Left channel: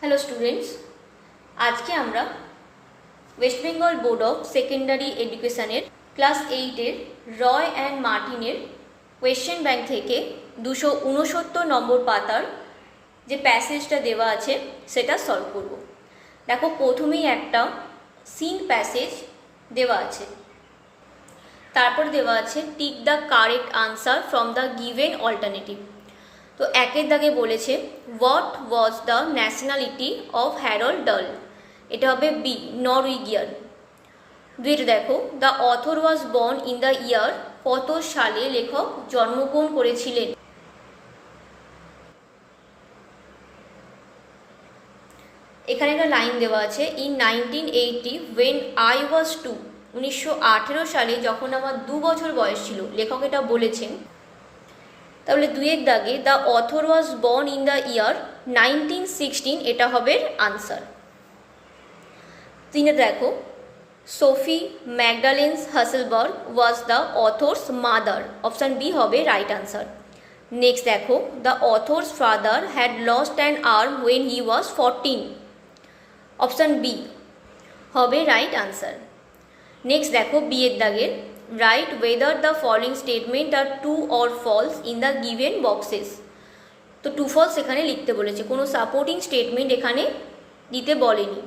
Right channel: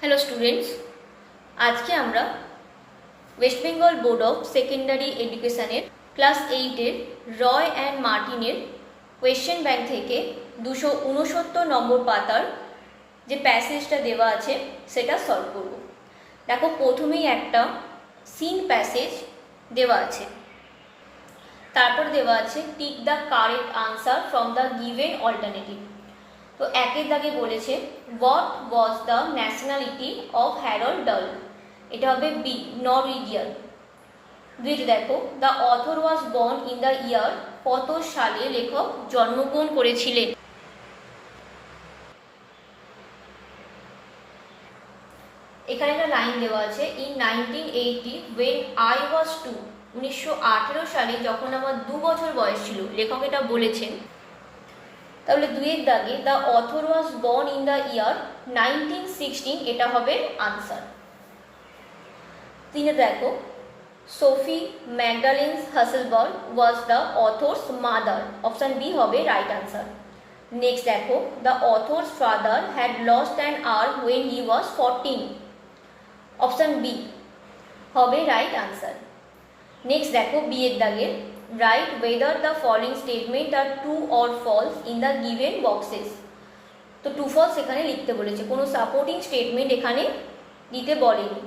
Hello students, আজকে আমরা West Bengal board of secondary এডুকেশনের ক্লাস 8-এর রয় অ্যান্ড মার্টিনের কোয়েশ্চেন ব্যাংক থেকে 269 নম্বর পাতার যে প্যাসেজটা দেওয়া আছে সেটা সলভ করব। দেখো, প্রথমেই একটা সিন প্যাসেজ দেওয়া আছে, তারপর দেওয়া আছে tick the correct answer from the given alternative. তো একের দাগে বলেছে what was the nationality of Harold ডাল, এটা হবে বি, নরওয়েজিয়ান। দুইটা দেখো, the author was born in the ইয়ার, কত সালে লেখক জন্মগ্রহণ করেছিলেন। এখানে একটা লাইন দেওয়া আছে, ইন 1980 ওয়েন আই ওয়াজ 2, 1918 সালে যখন আমার 2 বছর বয়স ছিল, লেখক এটা বলেছেন। তাহলে দুইয়ের দাগে the author was born in the year 1916, এটা হবে আনসার। তিনে দেখো, Sophie Magdalene Hesselberg was the author's mother, option B হবে রাইট আনসার। নেক্সট দেখো, the author's father had lost an arm when he was 14, option B হবে right answer. Next দেখো, B এর দাগে right whether the following statement are true or false in the given boxes. তো true false এখানে লিখতে বলেছে, কোনো supporting statement এখানে দিতে বলেনি।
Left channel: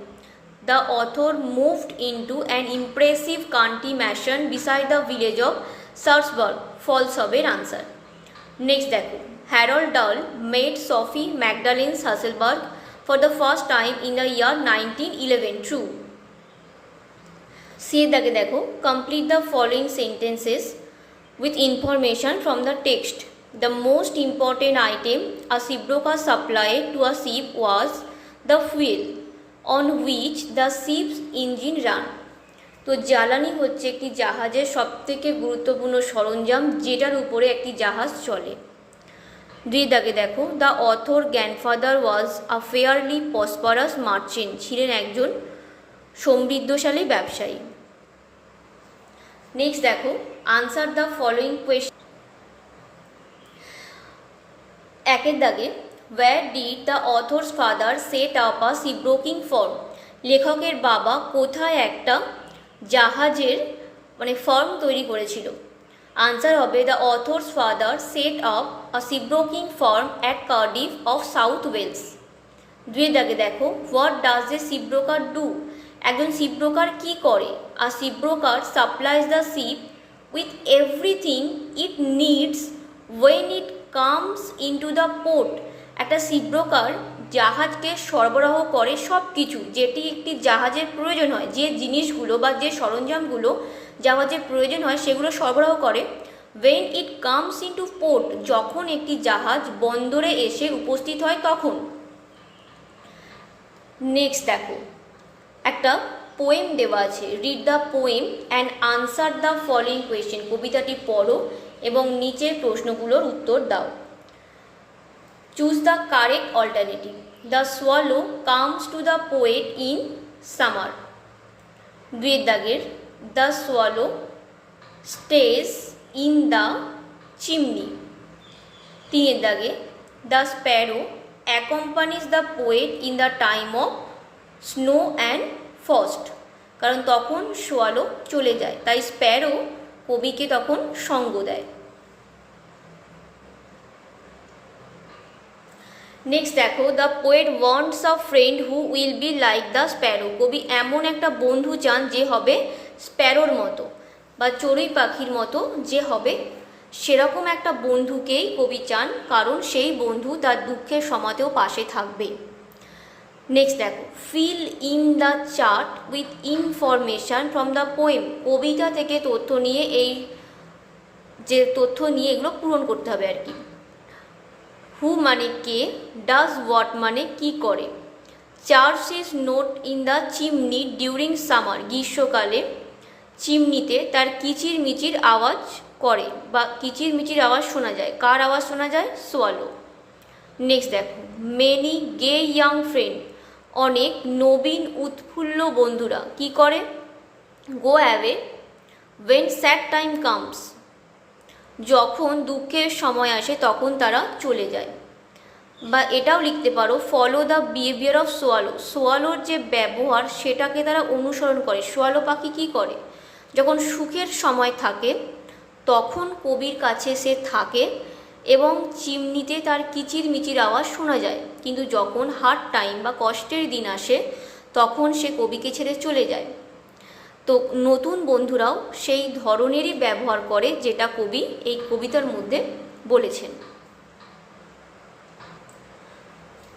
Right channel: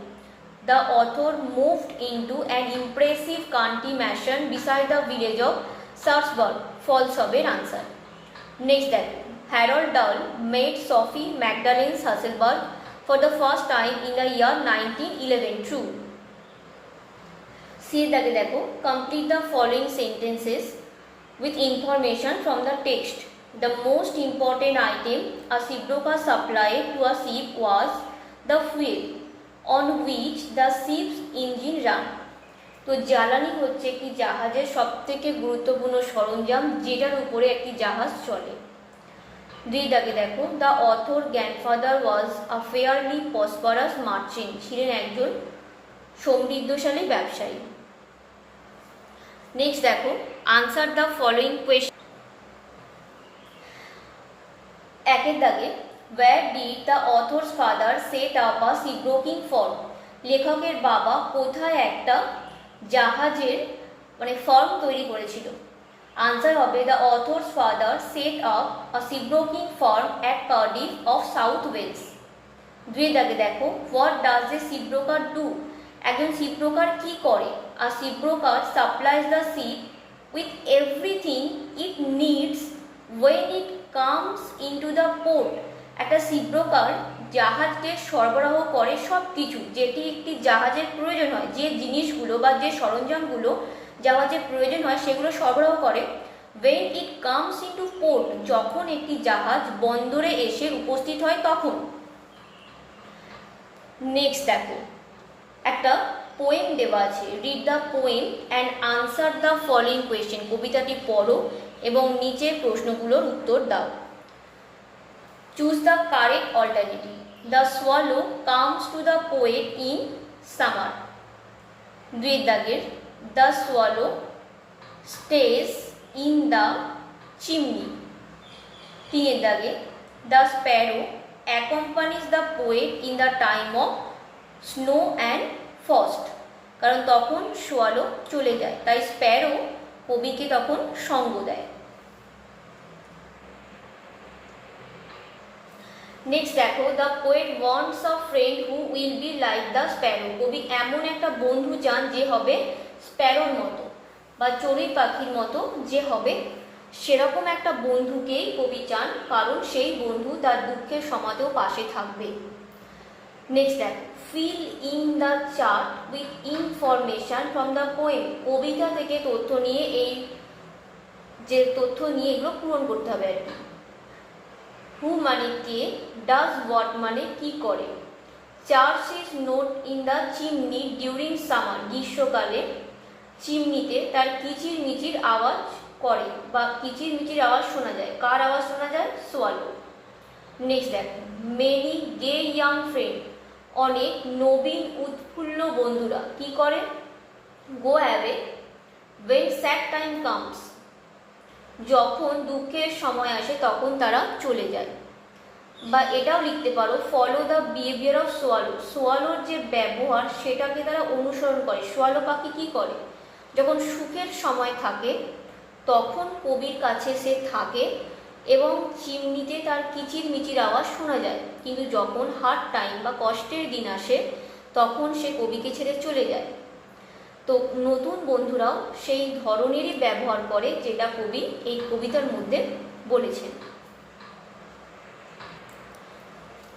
The author moved into an impressive country mansion beside the village of Sarsburg, false হবে answer. Next দেখো, Harold Dahl made Sophie Magdalene Hesselberg for the first time in the year 1911, true. C এর দাগে দেখো, complete the following sentences with information from the text. The most important item a shipbroker supplied to a ship was the fuel on which the ship's engine ran. তো জ্বালানি হচ্ছে একটি জাহাজের সবথেকে গুরুত্বপূর্ণ সরঞ্জাম, যেটার উপরে একটি জাহাজ চলে। দুই দাগে দেখো, the author grandfather was a fairly prosperous merchant, ছিলেন একজন সমৃদ্ধশালী ব্যবসায়ী। নেক্সট দেখো, আনসার দ্য ফলোইং কোয়েশ্চন। একের দাগে, where did the author's father set up a shipbroking firm, লেখকের বাবা কোথায় একটা জাহাজের ফার্ম তৈরি করেছিল। আনসার হবে the author's father set up a shipbroking firm at Cardiff of South Wales. দুই দাগে দেখো, what does a shipbroker do, একজন শিপব্রোকার কি করে। A shipbroker supplies the ship with everything it needs when it comes into the port, একটা shipbroker জাহাজকে সরবরাহ করে সব কিছু, যেটি একটি জাহাজের প্রয়োজন হয়, যে জিনিসগুলো বা যে সরঞ্জামগুলো জাহাজের প্রয়োজন হয় সেগুলো সরবরাহ করে। When it comes into port, যখন একটি জাহাজ বন্দরে এসে উপস্থিত হয় তখন। নেক্সট দেখো, একটা পোয়েম দেওয়া আছে, read the poem and answer the following question, কবিতাটি পড়ো এবং নিচের প্রশ্নগুলোর উত্তর দাও। Choose the correct alternative. The swallow comes to the poet in summer. দুই দাগের, the swallow stays in the chimney. তিনের দাগে, the sparrow accompanies the poet in the time of snow and frost, কারণ তখন সোয়ালো চলে যায়, তাই Sparrow কবিকে তখন সঙ্গ দেয়। নেক্সট দেখো, the poet wants a friend who will be like the Sparrow, কবি এমন একটা বন্ধু চান যে হবে স্প্যারোর মতো বা চড়ুই পাখির মতো, যে হবে সেরকম একটা বন্ধুকেই কবি চান, কারণ সেই বন্ধু তার দুঃখের সময়তেও পাশে থাকবে। নেক্সট দেখো, fill in the chart with information from the poem, কবিতা থেকে তথ্য নিয়ে এগুলো পূরণ করতে হবে আর কি। হু মানে কে, ডাজ হোয়াট মানে কি করে। Church is note in the chimney during summer, গ্রীষ্মকালে চিমনিতে তার কিচির মিচির আওয়াজ করে বা কিচির মিচির আওয়াজ শোনা যায়। কার আওয়াজ শোনা যায়? সোয়ালো। নেক্সট দেখো, মেনি গে ইয়াং ফ্রেন্ড, অনেক নবীন উৎফুল্ল বন্ধুরা কি করে? Go away when sad time comes, যখন দুঃখের সময় আসে তখন তারা চলে যায়। বা এটাও লিখতে পারো follow the behaviour of swallow. সোয়ালোর যে ব্যবহার সেটাকে তারা অনুসরণ করে। সোয়ালো পাখি কী করে, যখন সুখের সময় থাকে তখন কবির কাছে সে থাকে এবং চিমনিতে তার কিচিরমিচির আওয়াজ শোনা যায়, কিন্তু যখন হার্ড টাইম বা কষ্টের দিন আসে তখন সে কবিকে ছেড়ে চলে যায়। তো নতুন বন্ধুরাও সেই ধরনেরই ব্যবহার করে যেটা কবি এই কবিতার মধ্যে বলেছেন।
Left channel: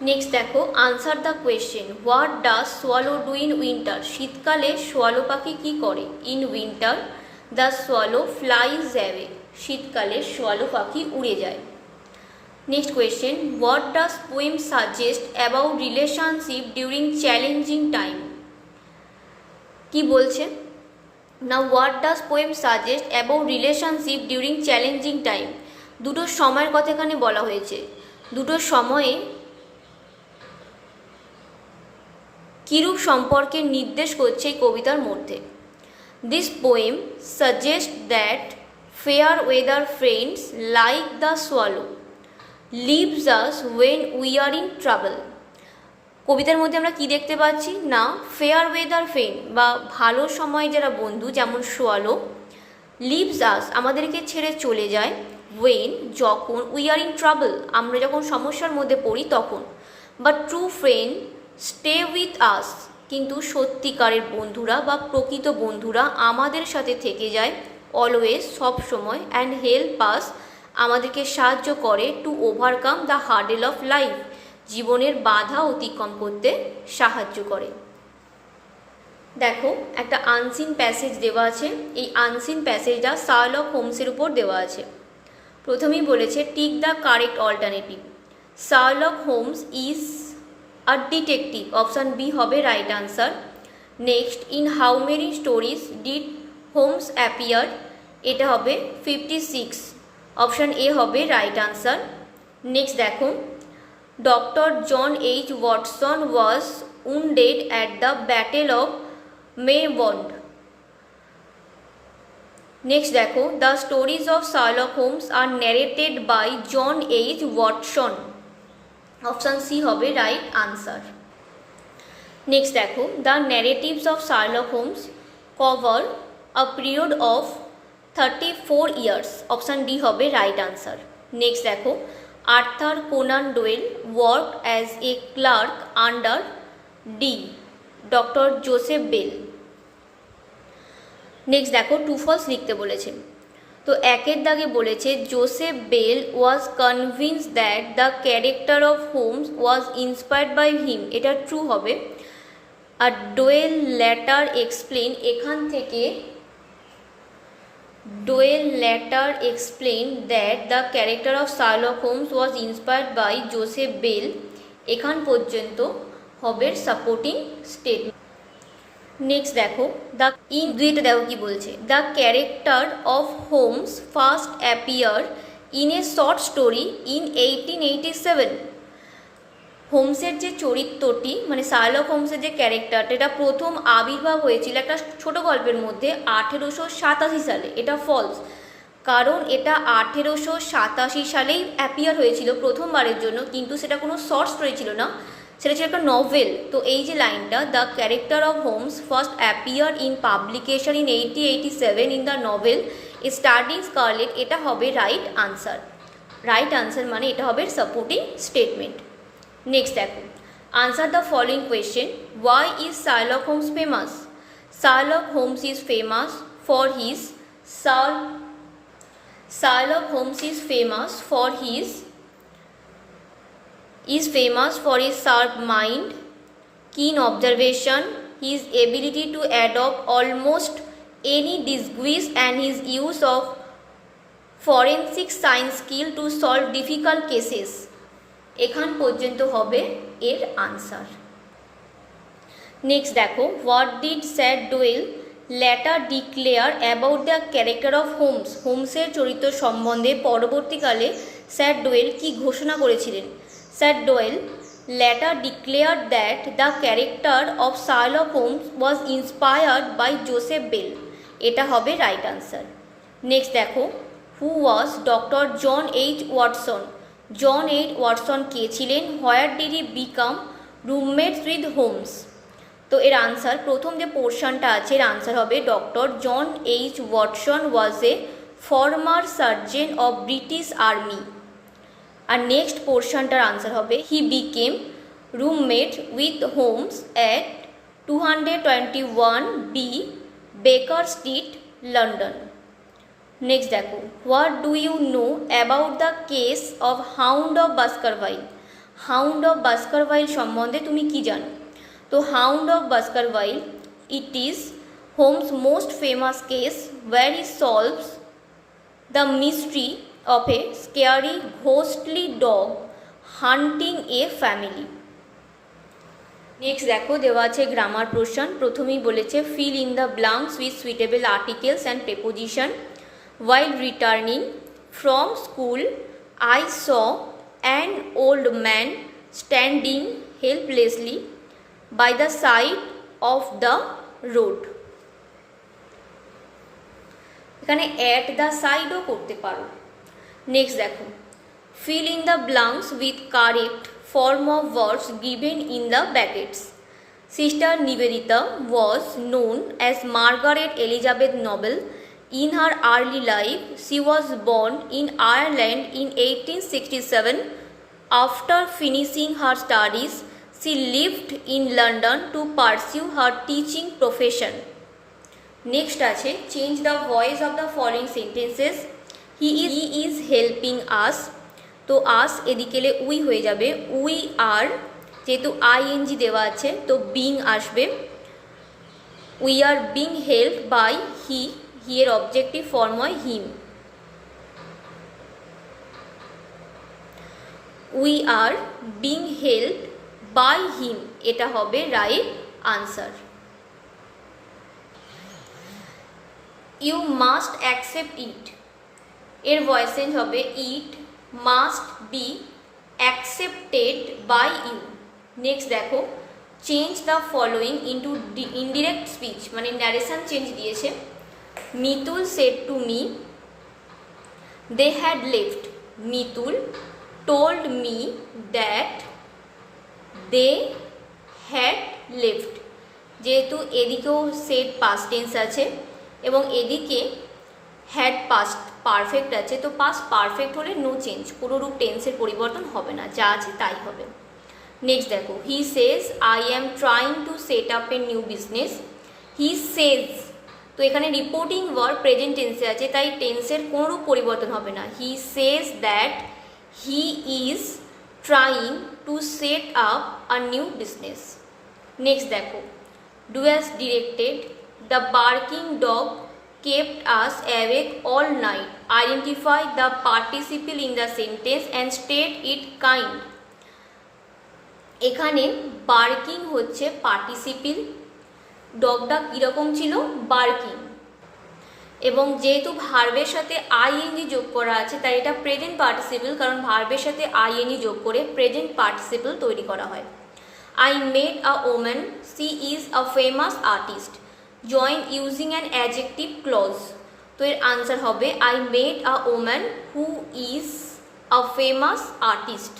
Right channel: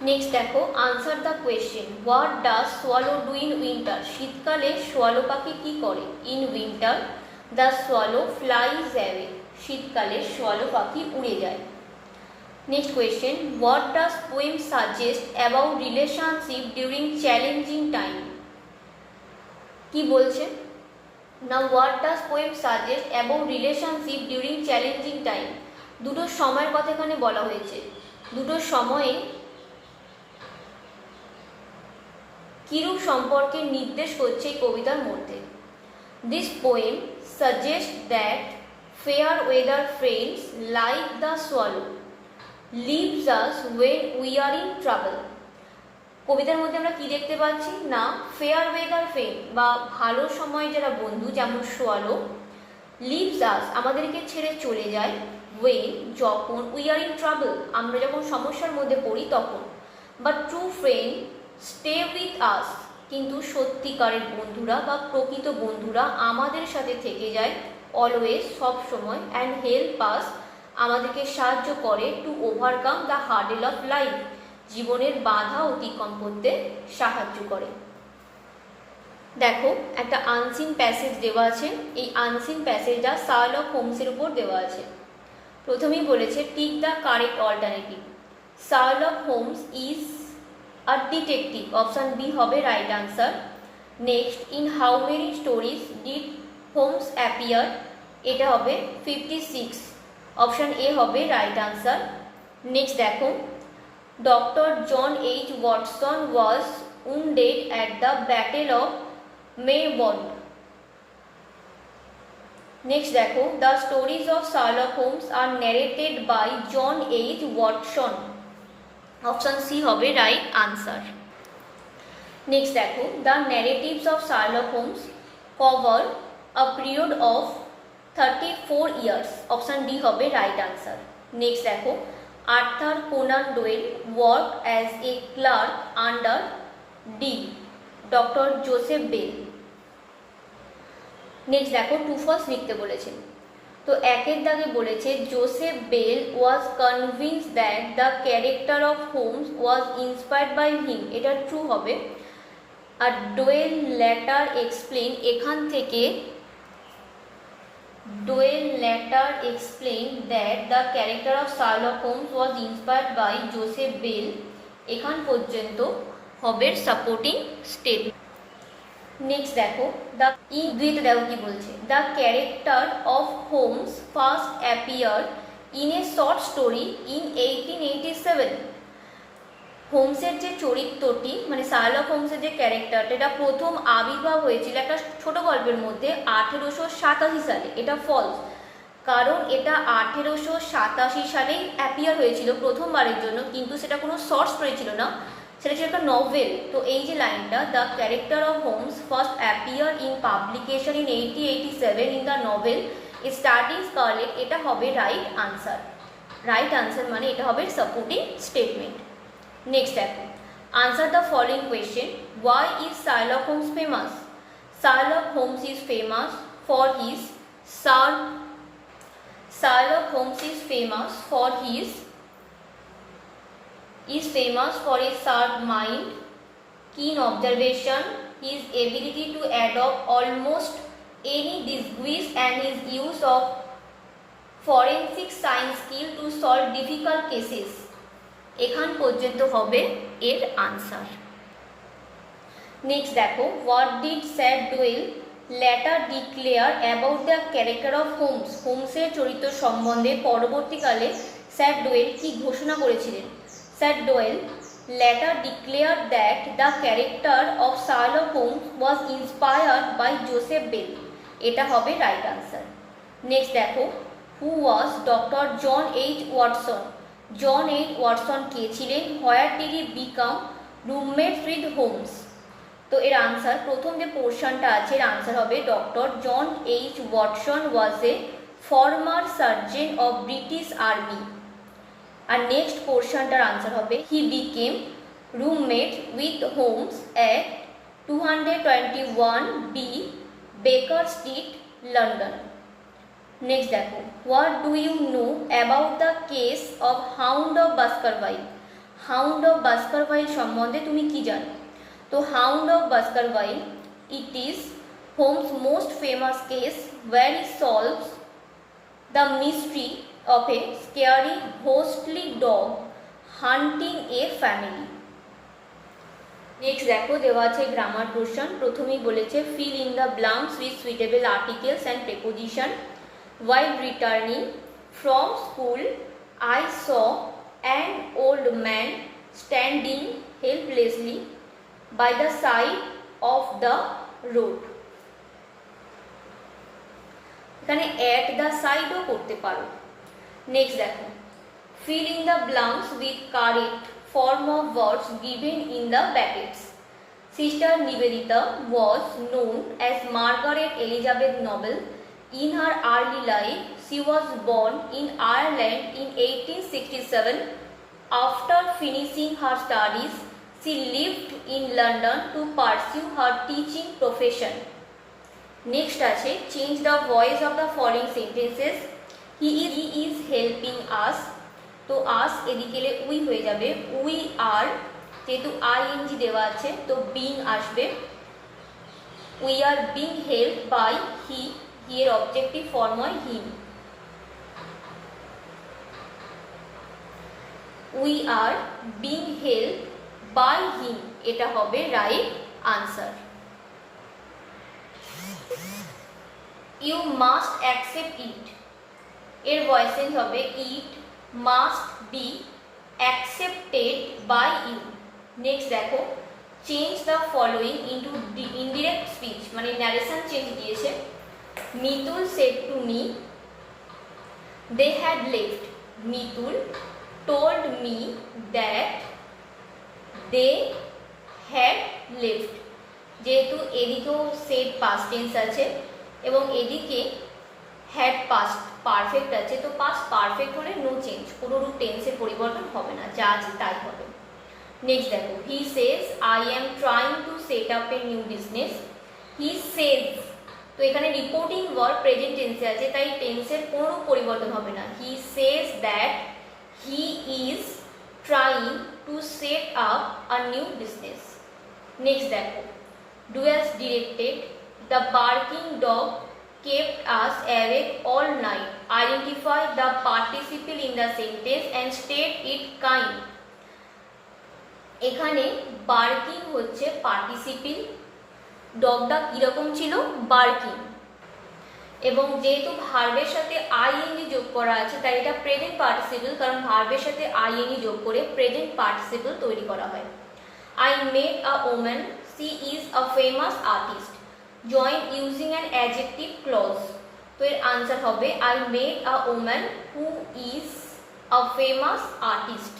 নেক্সট দেখো, answer the question. What does swallow do in winter? শীতকালে সোয়ালো পাখি কী করে? In winter the swallow flies away. শীতকালে সোয়ালো পাখি উড়ে যায়। Next question, what does poem suggest about relationship during challenging time? কি বলছে না, what does poem suggest about relationship during challenging time? দুটো সময়ের কথা এখানে বলা হয়েছে। দুটো সময়ে কিরূপ সম্পর্কে নির্দেশ করছে এই কবিতার মধ্যে। This poem suggest that fair weather friends like the swallow leaves us when we are in travel. কবিতার মধ্যে আমরা কি দেখতে পাচ্ছি না, ফেয়ার ওয়েদার ফ্রেন্ড বা ভালো সময় যারা বন্ধু যেমন সোয়ালো, লিভস আস আমাদেরকে ছেড়ে চলে যায়, ওয়েন যখন, উই আর ইন ট্রাভেল আমরা যখন সমস্যার মধ্যে পড়ি তখন, but true friend stay with us কিন্তু সত্যিকারের বন্ধুরা বা প্রকৃত বন্ধুরা আমাদের সাথে থেকে যায় অলওয়েজ সব সময়, অ্যান্ড হেল্প আস আমাদেরকে সাহায্য করে to overcome the hurdle of life জীবনের বাধা অতিক্রম করতে সাহায্য করে। দেখো একটা আনসিন প্যাসেজ দেওয়া আছে, এই আনসিন প্যাসেজটা শার্লক হোমসের উপর দেওয়া আছে। প্রথমেই বলেছে tick the correct alternative. Sherlock Holmes is a detective, option B হবে right answer. Next, in how many stories did Holmes appear? এটা হবে 56, অপশান এ হবে রাইট আনসার। নেক্সট দেখো, doctor John H Watson was wounded at the Battle of Maybond. Next দেখো, the stories of Sherlock Holmes are narrated by John H Watson, option C হবে right answer. Next দেখো, the narratives of Sherlock Holmes cover a period of 34 years, option D হবে right answer. Next দেখো, Arthur Conan Doyle work as a clerk under the doctor Joseph Bell. Next দেখো, true false লিখতে বলেছেন। তো একের দাগে বলেছে Joseph Bell was convinced that the character of Holmes was inspired by him, এটা true হবে। আর ডোয়েল ল্যাটার এক্সপ্লেন, এখান থেকে Doyle later explained that the character of Sherlock Holmes was inspired by Joseph Bell, এখান পর্যন্ত হবে সাপোর্টিং স্টেটমেন্ট। নেক্সট দেখো, the দুইটা দেখো কি বলছে, the character of Holmes first appear in a short story in 1887। হোমসের যে চরিত্রটি মানে শার্লক হোমসের যে ক্যারেক্টারটা এটা প্রথম আবির্ভাব হয়েছিল একটা ছোট গল্পের মধ্যে 1887 সালে। এটা ফলস, কারণ এটা 1887 সালেই অ্যাপিয়ার হয়েছিল প্রথমবারের জন্য, কিন্তু সেটা কোনো শর্ট স্টোরি ছিল না, সেটা ছিল একটা নভেল। তো এই যে লাইনটা, the character of Holmes first appear in publication in 1887 in the novel starting Scarlet, এটা হবে রাইট আনসার। রাইট আনসার মানে এটা হবে সাপোর্টিং স্টেটমেন্ট। নেক্সট দেখো, answer the following question. Why is Sherlock Holmes famous? Sherlock Holmes is famous for his Sherlock Holmes is famous for his sharp mind, keen observation, his ability to adopt almost any disguise, and his use of forensic science skill to solve difficult cases. এখান পর্যন্ত হবে এর answer. Next দেখো, what did sir Doyle later declare about the character of Holmes? হোমসের চরিত্র সম্বন্ধে পরবর্তীকালে sir Doyle কি ঘোষণা করেছিলেন? Sir Doyle later declare that the character of Sherlock Holmes was inspired by Joseph Bell, এটা হবে রাইট আনসার। নেক্সট দেখো, who was doctor John H Watson? John H Watson কে ছিলেন? Where did he become roommates with Holmes? তো এর answer, প্রথম যে পোর্শনটা আছে এর আনসার হবে doctor John H Watson was a former surgeon of British army. আর নেক্সট পোর্শনটার আনসার হবে he became roommate with Holmes at 221B Baker Street, London. Next দেখো, what do you know about the case of Hound of Baskerville? Hound of Baskerville সম্বন্ধে তুমি কি জানো? তো Hound of Baskerville, it is Holmes most famous case where he solves the mystery of a scary ghostly dog hunting A family. Next দেখো, দেওয়া আছে grammar portion. প্রথমেই বলেছে feel in the blanks with suitable articles and preposition. While returning from school, I saw an old man standing helplessly by the side of the road. এখানে at the side ও করতে পারো। Next দেখো, fill in the blanks with correct form of words given in the brackets. Sister Nivedita was known as Margaret Elizabeth Noble. In her early life, she was born in Ireland in 1867. After finishing her studies, she lived in London to pursue her teaching profession. Next আছে, change the voice of the following sentences. He is helping us. তো us এদিকে we হয়ে যাবে। We are, যেহেতু ing দেওয়া আছে তো being আসবে। We are being helped by he. Here objective form হয় him. We are being helped by him, এটা হবে right answer. You must accept it, এর ভয়েস চেঞ্জ হবে it must be accepted by you. Next দেখো, change the following into indirect speech, মানে narration change দিয়েছে। Mitul said to me they had left. Mitul told me that they had left. যেহেতু এদিকেও said past tense আছে এবং এদিকে had past perfect আছে, তো past perfect হলে নো চেঞ্জ, কোনো রূপ টেন্সের পরিবর্তন হবে না, যা আছে তাই হবে। নেক্সট দেখো, he says I am trying to set up a new business. He says, তো এখানে রিপোর্টিং ওয়ার্ড প্রেজেন্ট টেন্সে আছে, তাই টেন্সের কোনো পরিবর্তন হবে না। He says that he is trying to set up a new business. Next দেখো, do as directed, the barking dog kept us awake all night. Identify the participle in the sentence and state it kind. এখানে barking হচ্ছে participle, ডগটা কীরকম ছিল? Barking. এবং যেহেতু ভার্বের সাথে আইএনজি যোগ করা আছে তাই এটা প্রেজেন্ট পার্টিসিপল, কারণ ভার্বের সাথে আইএনজি যোগ করে প্রেজেন্ট পার্টিসিপল তৈরি করা হয়। I made a woman, she is a famous artist. Join using an adjective clause, তো এর আনসার হবে I made a woman who is a famous artist.